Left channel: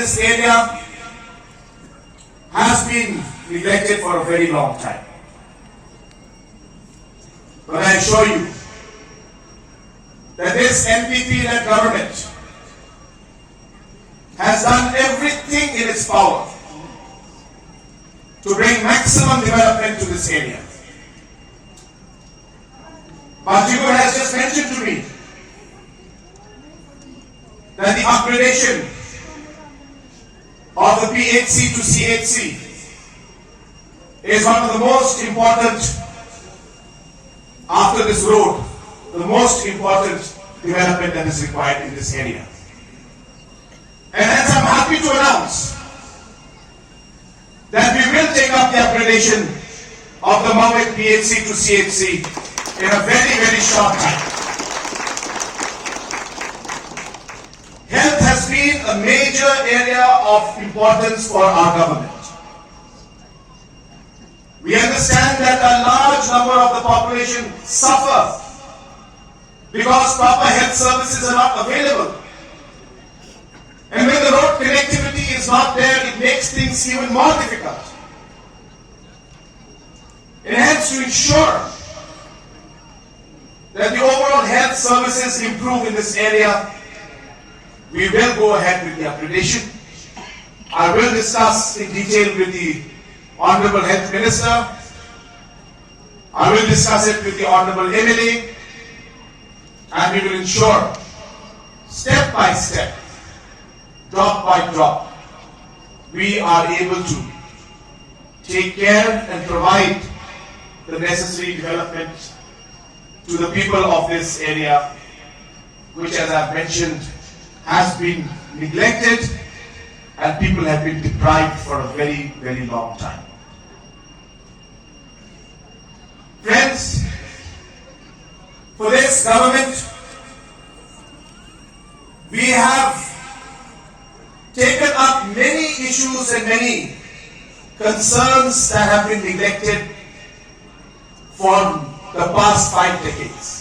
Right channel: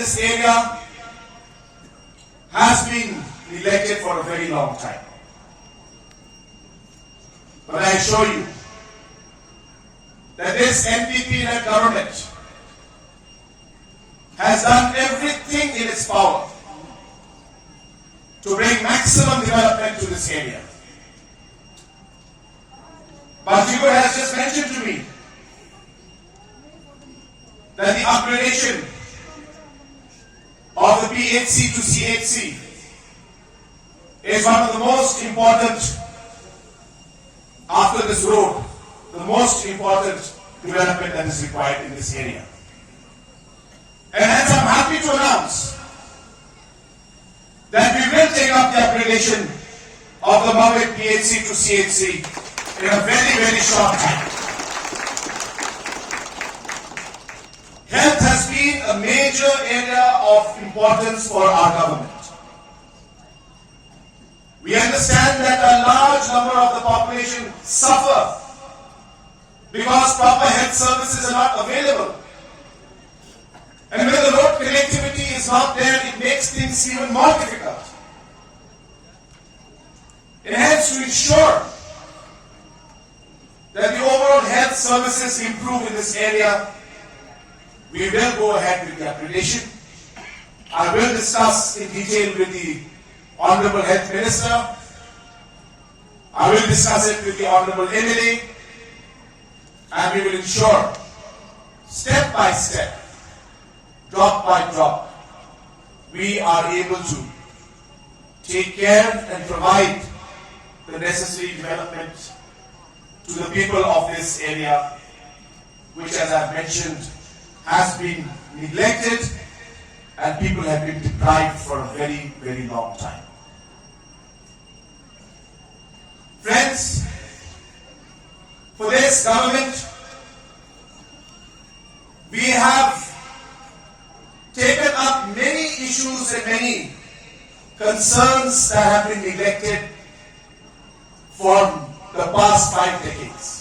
this area has been neglected for a very long time. But I assure you that this NPP-led government has done everything in its power to bring maximum development to this area. But Kular has just mentioned to me that the upgradation of the PHC to CHC is one of the most important, after this road, the most important development that is required in this area. And hence I'm happy to announce that we will take up the upgradation of the Maweit PHC to CHC in a very, very short time. Health has been a major area of importance for our government. We understand that a large number of the population suffer because proper health services are not available. And when the road connectivity is not there, it makes things even more difficult. And hence, to ensure that the overall health services improve in this area, we will go ahead with the upgradation. I will discuss in detail with the Honorable Health Minister. I will discuss it with the Honorable MLA, and we will ensure, step by step, drop by drop, we are able to take care and provide the necessary development to the people of this area, which, as I've mentioned, has been neglected and people have been deprived for a very, very long time. Friends, for this government, we have taken up many issues and many concerns that have been neglected for the past 5 decades.